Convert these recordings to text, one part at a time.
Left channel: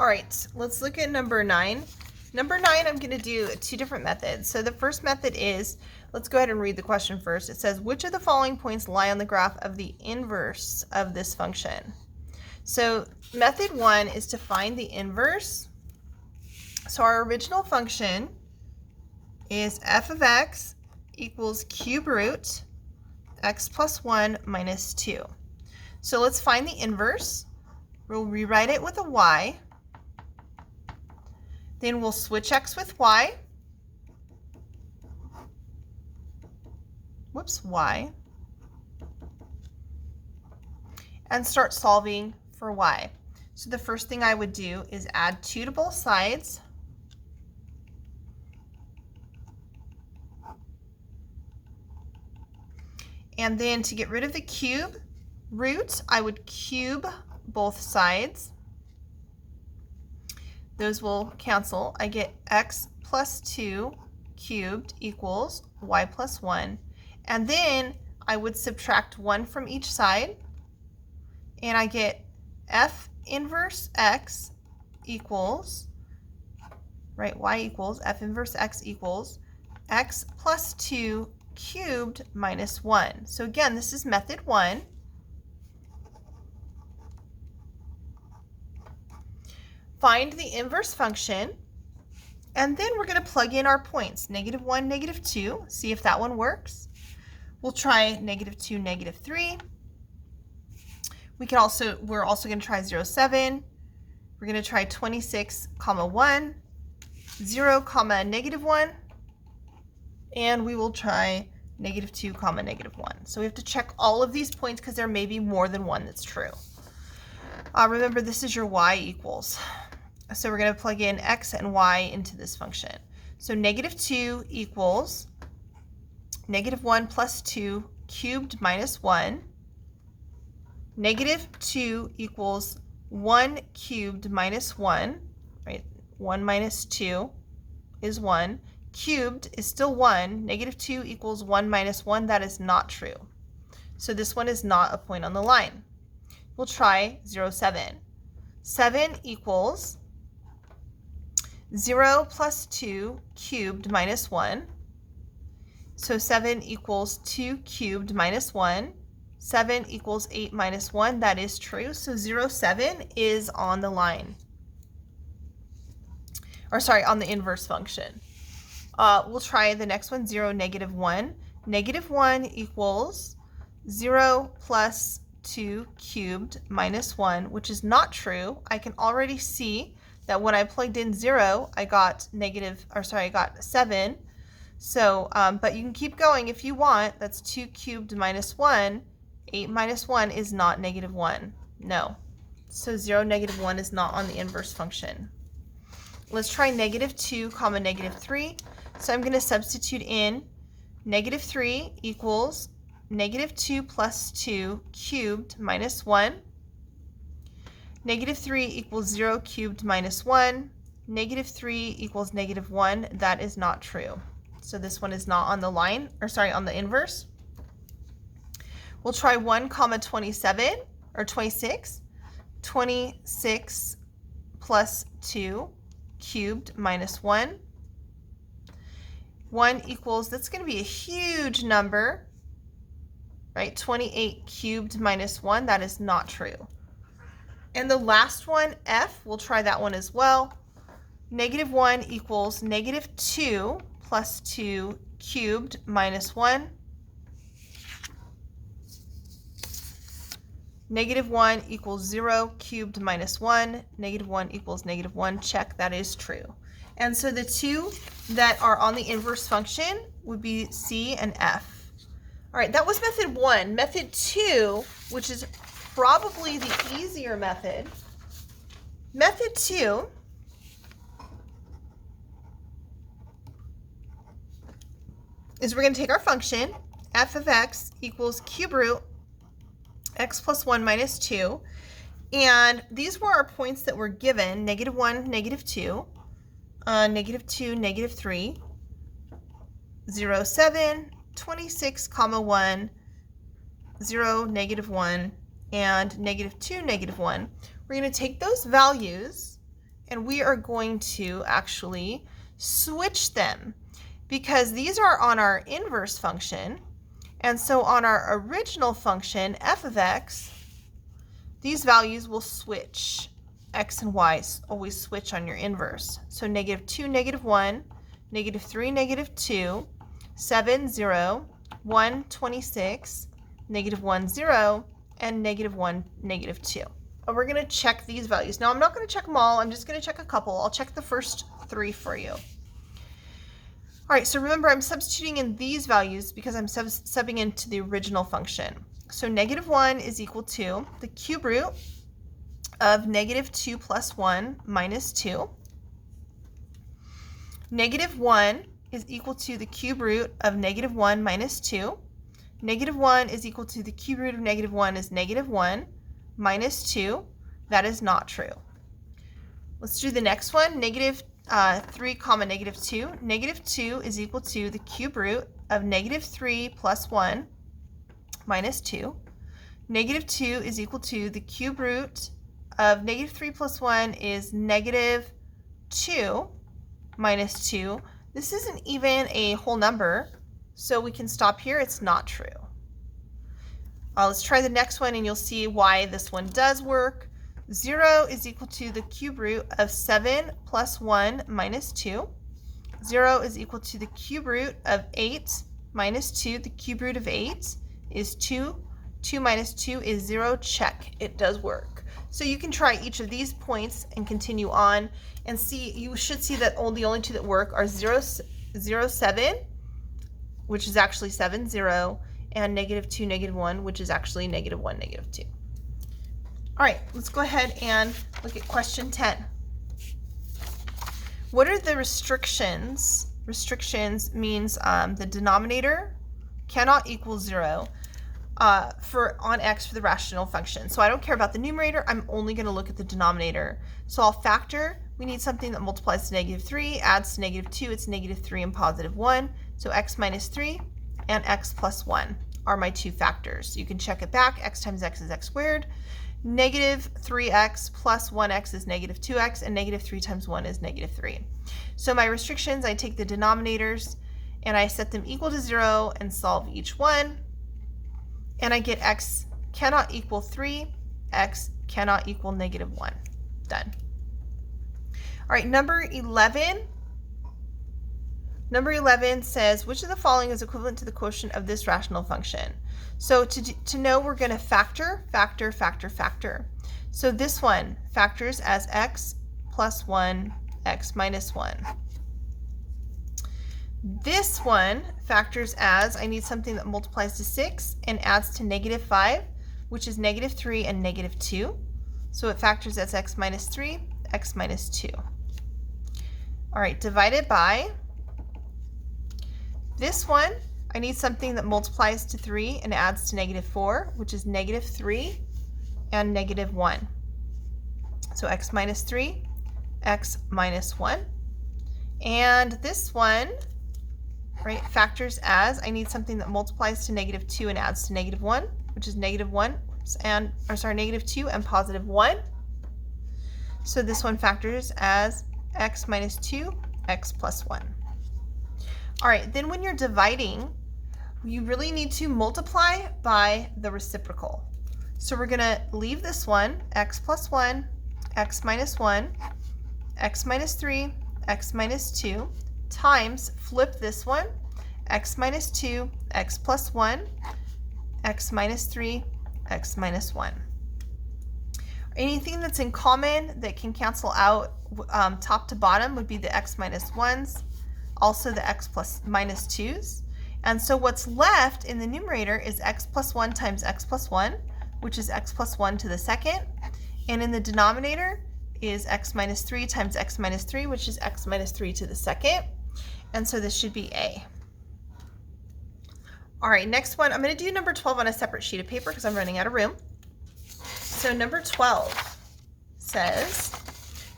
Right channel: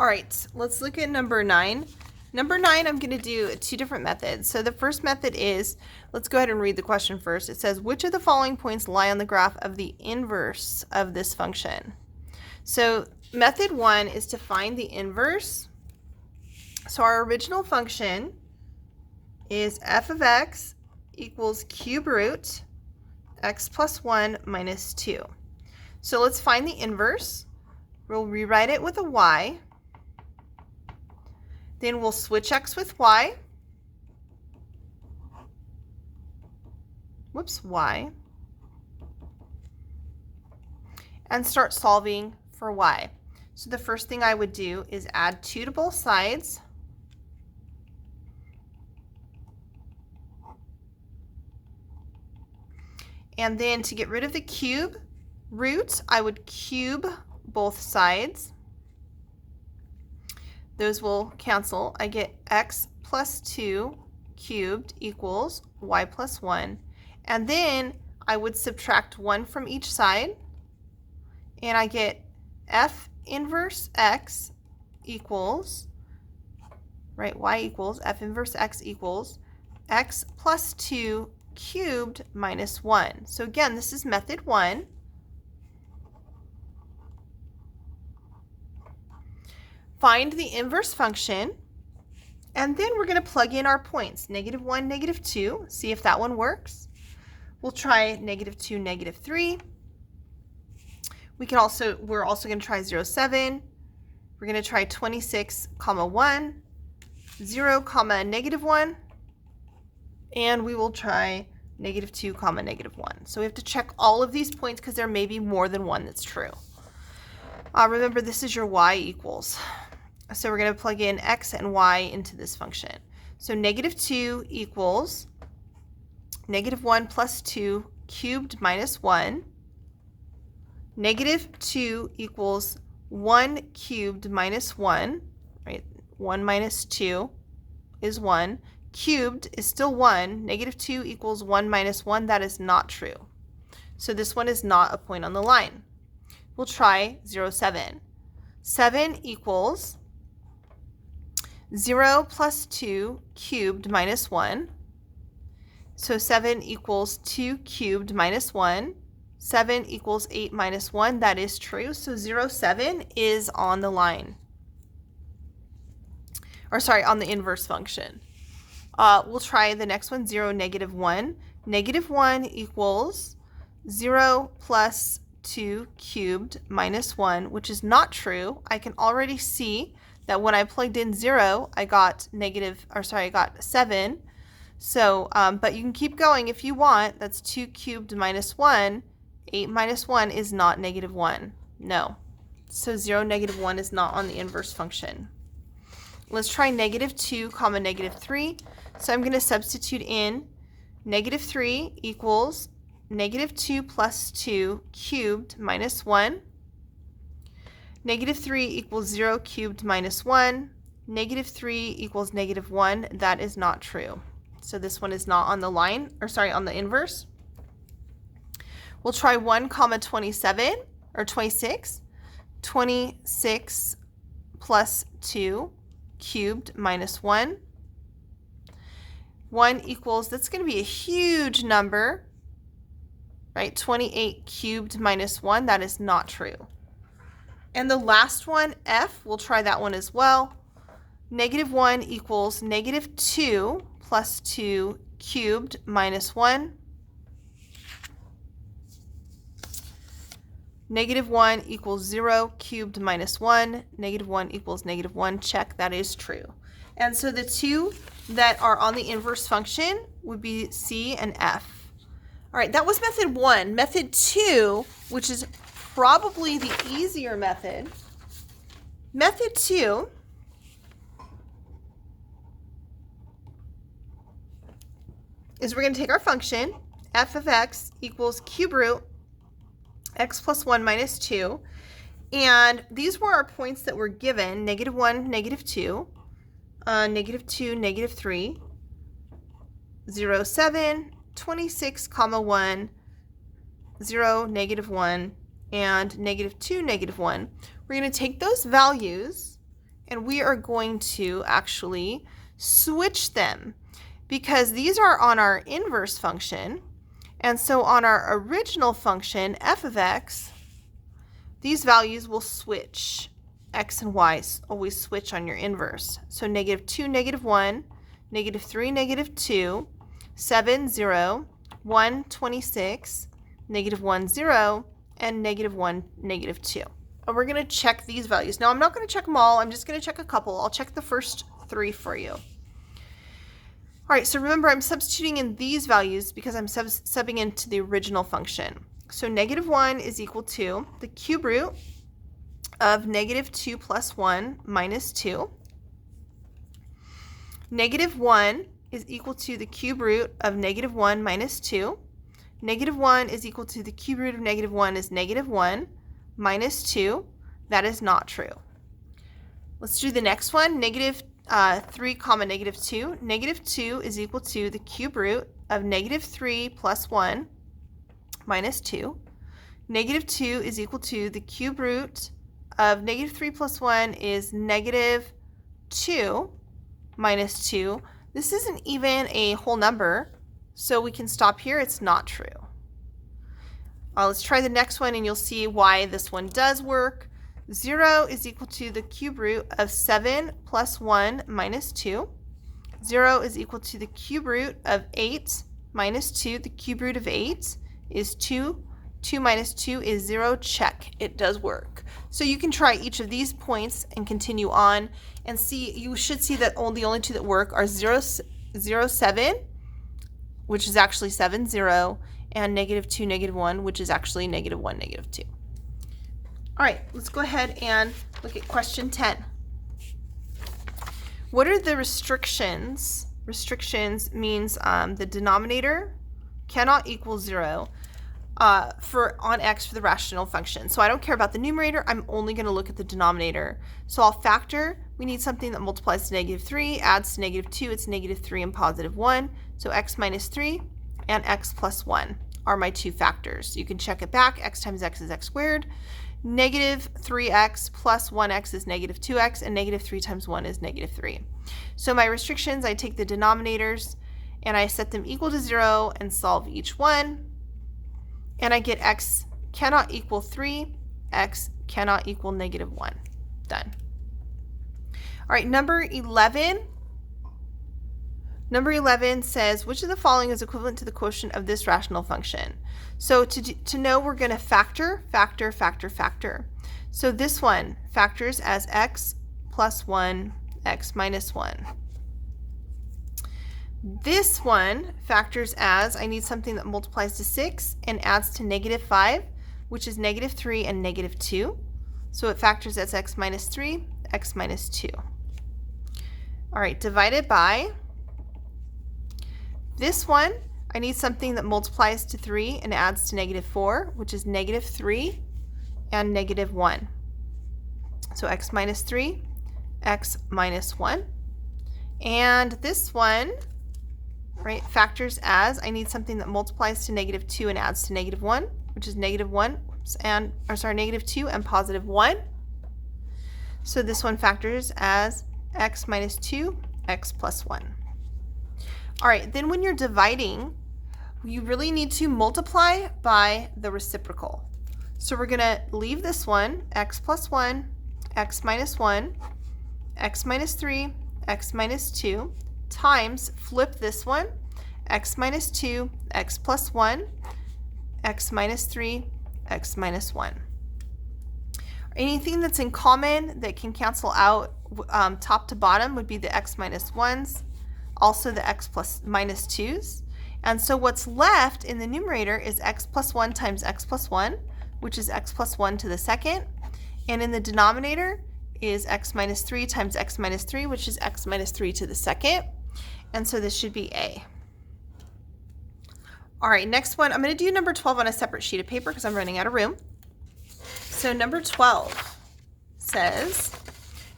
All right, let's look at number 9. Number 9, I'm going to do 2 different methods. So the first method is, let's go ahead and read the question first. It says, which of the following points lie on the graph of the inverse of this function? So method 1 is to find the inverse. So our original function is f of x equals cube root x plus 1 minus 2. So let's find the inverse. We'll rewrite it with a y. Then we'll switch x with y. Y. And start solving for y. So the first thing I would do is add 2 to both sides. And then to get rid of the cube root, I would cube both sides. Those will cancel. I get x plus 2 cubed equals y plus 1. And then I would subtract 1 from each side. And I get f inverse x equals, right, y equals, f inverse x equals x plus 2 cubed minus 1. So again, this is method 1. Find the inverse function, and then we're going to plug in our points, -1, -2, see if that one works. We'll try -2, -3. We're also going to try 0, 7. We're going to try 26, 1, 0, -1, and we will try -2, -1. So we have to check all of these points because there may be more than one that's true. Remember, this is your y equals. So we're going to plug in x and y into this function. So -2 equals -1 plus 2 cubed minus 1. -2 equals 1 cubed minus 1, right? 1 minus 2 is 1. Cubed is still 1. -2 equals 1 minus 1. That is not true. So this one is not a point on the line. We'll try 0, 7. 7 equals 0 plus 2 cubed minus 1. So 7 equals 2 cubed minus 1. 7 equals 8 minus 1. That is true. So 0, 7 is on the line. Or sorry, on the inverse function. We'll try the next one, 0, -1. -1 equals 0 plus 2 cubed minus 1, which is not true. I can already see that when I plugged in 0, I got I got 7. So, but you can keep going if you want. That's 2 cubed minus 1. 8 minus 1 is not -1. No. So 0, -1 is not on the inverse function. Let's try -2, -3. So I'm going to substitute in -3 equals -2 plus 2 cubed minus 1. -3 equals 0 cubed minus 1. -3 equals -1. That is not true. So this one is not on the line, or sorry, on the inverse. We'll try 1, 27, or 26. 26 plus 2 cubed minus 1. 1 equals, that's going to be a huge number, right? 28 cubed minus 1. That is not true. And the last one, f, we'll try that one as well. -1 equals -2 plus 2 cubed minus 1. -1 equals 0 cubed minus 1. -1 equals -1. Check, that is true. And so the two that are on the inverse function would be C and F. All right, that was method 1. Method 2, which is probably the easier method. Method 2 is we're going to take our function, f of x equals cube root x plus 1 minus 2, and these were our points that were given, -1, -2, -2, -3, 0, 7, 26, 1, 0, -1, and -2, -1. We're going to take those values and we are going to actually switch them because these are on our inverse function. And so on our original function, f of x, these values will switch. X and y always switch on your inverse. So -2, -1, -3, -2, 7, 0, 1, 26, -1, 0, and -1, -2. And we're going to check these values. Now I'm not going to check them all. I'm just going to check a couple. I'll check the first 3 for you. All right, so remember I'm substituting in these values because I'm subbing into the original function. So -1 is equal to the cube root of -2 plus 1 minus 2. -1 is equal to the cube root of -1 minus 2. -1 is equal to the cube root of -1 is -1 minus 2. That is not true. Let's do the next one, -3 comma -2. -2 is equal to the cube root of -3 plus 1 minus 2. -2 is equal to the cube root of -3 plus 1 is -2 minus 2. This isn't even a whole number, so we can stop here. It's not true. Let's try the next one and you'll see why this one does work. 0 is equal to the cube root of 7 plus 1 minus 2. 0 is equal to the cube root of 8 minus 2. The cube root of 8 is 2. 2 minus 2 is 0. Check. It does work. So you can try each of these points and continue on and see. You should see that the only 2 that work are 0, 7, which is actually 7, 0, and -2, -1, which is actually -1, -2. All right, let's go ahead and look at question 10. What are the restrictions? Restrictions means the denominator cannot equal 0 on x for the rational function. So I don't care about the numerator. I'm only going to look at the denominator. So I'll factor. We need something that multiplies to -3, adds to -2. It's -3 and +1. So x minus 3 and x plus 1 are my 2 factors. You can check it back. X times x is x squared. -3x plus 1x is -2x, and -3 times 1 is -3. So my restrictions, I take the denominators and I set them equal to 0 and solve each one. And I get x cannot equal 3, x cannot equal -1. Done. All right, number 11. Number 11 says, which of the following is equivalent to the quotient of this rational function? So to know, we're going to factor. So this one factors as x plus 1, x minus 1. This one factors as, I need something that multiplies to 6 and adds to -5, which is -3 and -2. So it factors as x minus 3, x minus 2. All right, divided by this one, I need something that multiplies to 3 and adds to -4, which is -3 and -1. So x minus 3, x minus 1. And this one, right, factors as, I need something that multiplies to -2 and adds to -1, which is -1 and, or sorry, -2 and +1. So this one factors as x minus 2, x plus 1. All right, then when you're dividing, you really need to multiply by the reciprocal. So we're going to leave this one, x plus 1, x minus 1, x minus 3, x minus 2, times, flip this one, x minus 2, x plus 1, x minus 3, x minus 1. Anything that's in common that can cancel out top to bottom would be the x minus 1s, also the x plus minus 2s. And so what's left in the numerator is x plus 1 times x plus 1, which is x plus 1 to the second. And in the denominator is x minus 3 times x minus 3, which is x minus 3 to the second. And so this should be A. All right, next one. I'm going to do number 12 on a separate sheet of paper because I'm running out of room. So number 12 says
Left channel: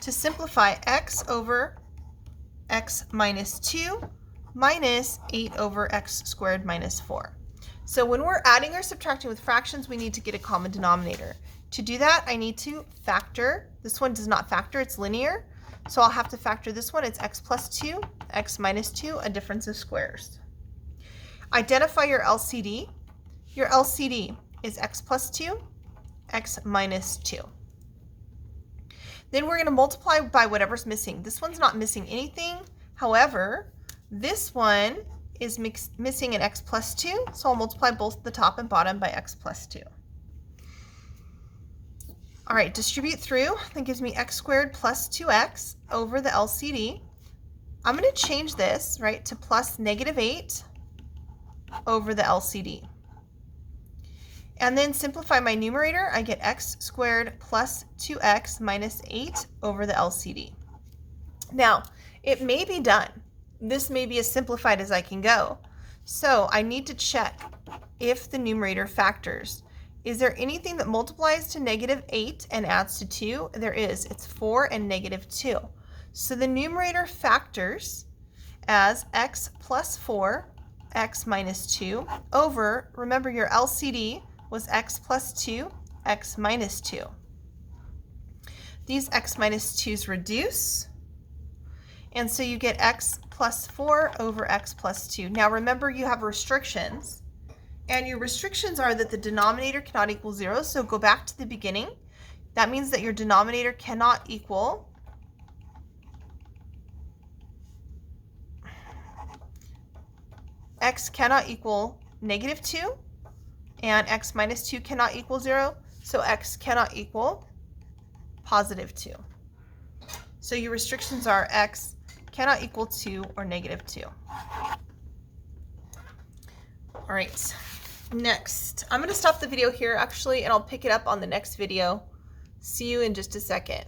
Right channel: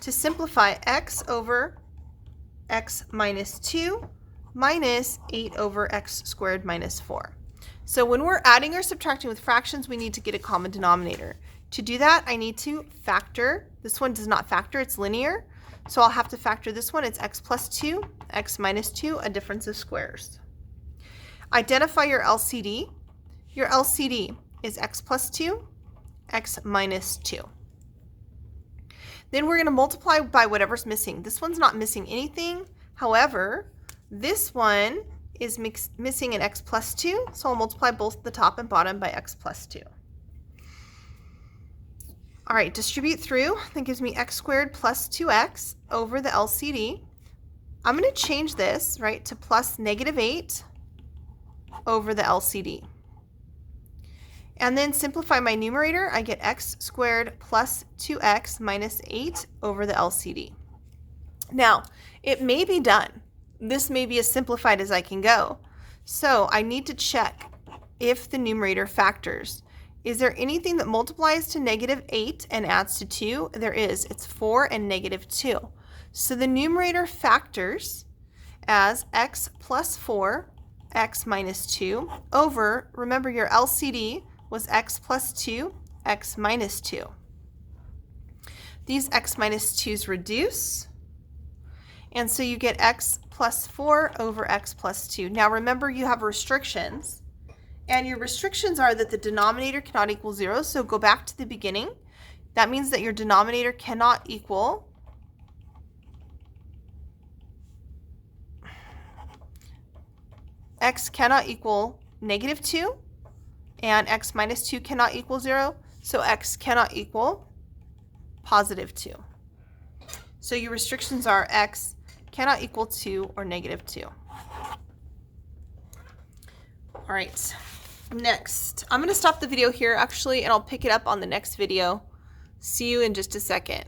to simplify x over x minus 2 minus 8 over x squared minus 4. So when we're adding or subtracting with fractions, we need to get a common denominator. To do that, I need to factor. This one does not factor, it's linear. So I'll have to factor this one. It's x plus 2, x minus 2, a difference of squares. Identify your LCD. Your LCD is x plus 2, x minus 2. Then we're going to multiply by whatever's missing. This one's not missing anything. However, this one is missing an x plus 2, so I'll multiply both the top and bottom by x plus 2. All right, distribute through. That gives me x squared plus 2x over the LCD. I'm going to change this, right, to plus negative 8 over the LCD. And then simplify my numerator. I get x squared plus 2x minus 8 over the LCD. Now, it may be done. This may be as simplified as I can go. So I need to check if the numerator factors. Is there anything that multiplies to negative 8 and adds to 2? There is. It's 4 and negative 2. So the numerator factors as x plus 4, x minus 2, over, remember your LCD was x plus 2, x minus 2. These x minus 2's reduce, and so you get x plus 4 over x plus 2. Now remember, you have restrictions. And your restrictions are that the denominator cannot equal 0, so go back to the beginning. That means that your denominator cannot equal x cannot equal negative 2, and x minus 2 cannot equal 0, so x cannot equal positive 2. So your restrictions are x cannot equal 2 or negative 2. All right. Next, I'm going to stop the video here actually, and I'll pick it up on the next video. See you in just a second.